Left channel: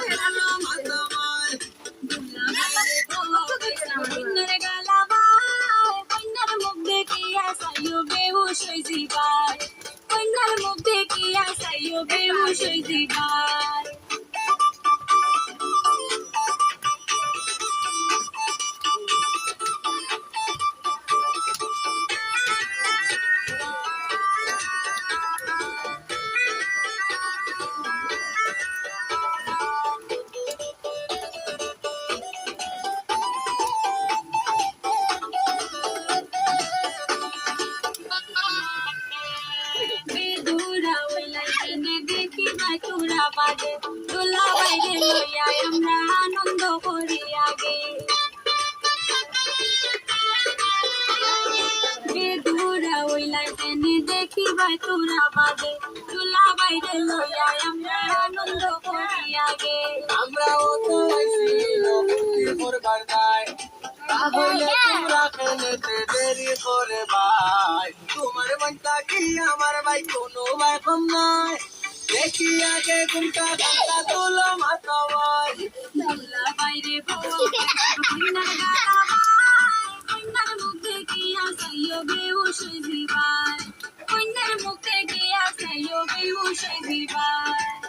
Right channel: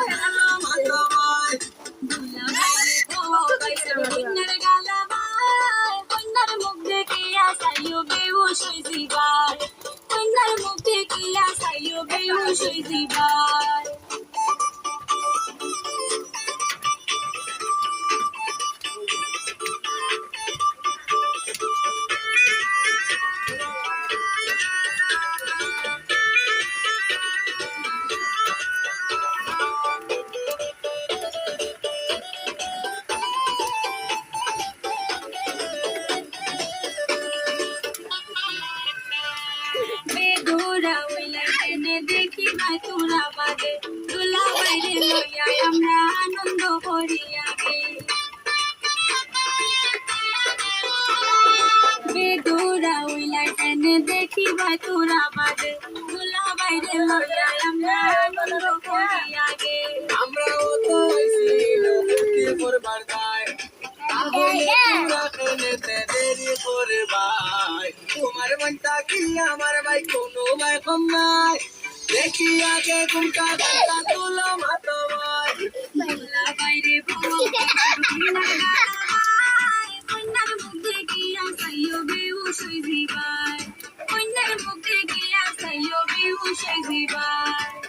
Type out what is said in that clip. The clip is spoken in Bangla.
হলো মাতামায় দুলা বাইরে বাবা বাইরে কন্যার গালা ভাই কন্যার মুখ দেখিয়া সাইও বেহুশ হই জিবাই কন্যার মুখ দেখিয়া সাইও বেহুশ হই জিবাই বেদুরা ওইলাই এনে দেখি না তোরা বাদে দোলা বাইরে লইয়া আমরা আনন্দ করি আগে বেদুরা ওইলাই এনে দেখি ভাই তোরা বাদে দোলা বাইরে লইয়া আমরা আনন্দ করি আগে আমরাও তো আইছিল ফুর্তি করবার দায় তাহলে তোমরা খেলেতে দেরি করে ভাই তোমার মনটা কি আমার ভাই কোনো ভাই কম নাই দেখি আগে ঘুমটা ঘন্টা তুলো মাথা ভাই দোলা বাইরে বাবা কন্যার গালা ভাই কন্যার মুখ দেখিয়া সাইও বেহুশ হই জিবাই কন্যার মুখ দেখিয়া সাইও বেহুশ হই জিবাই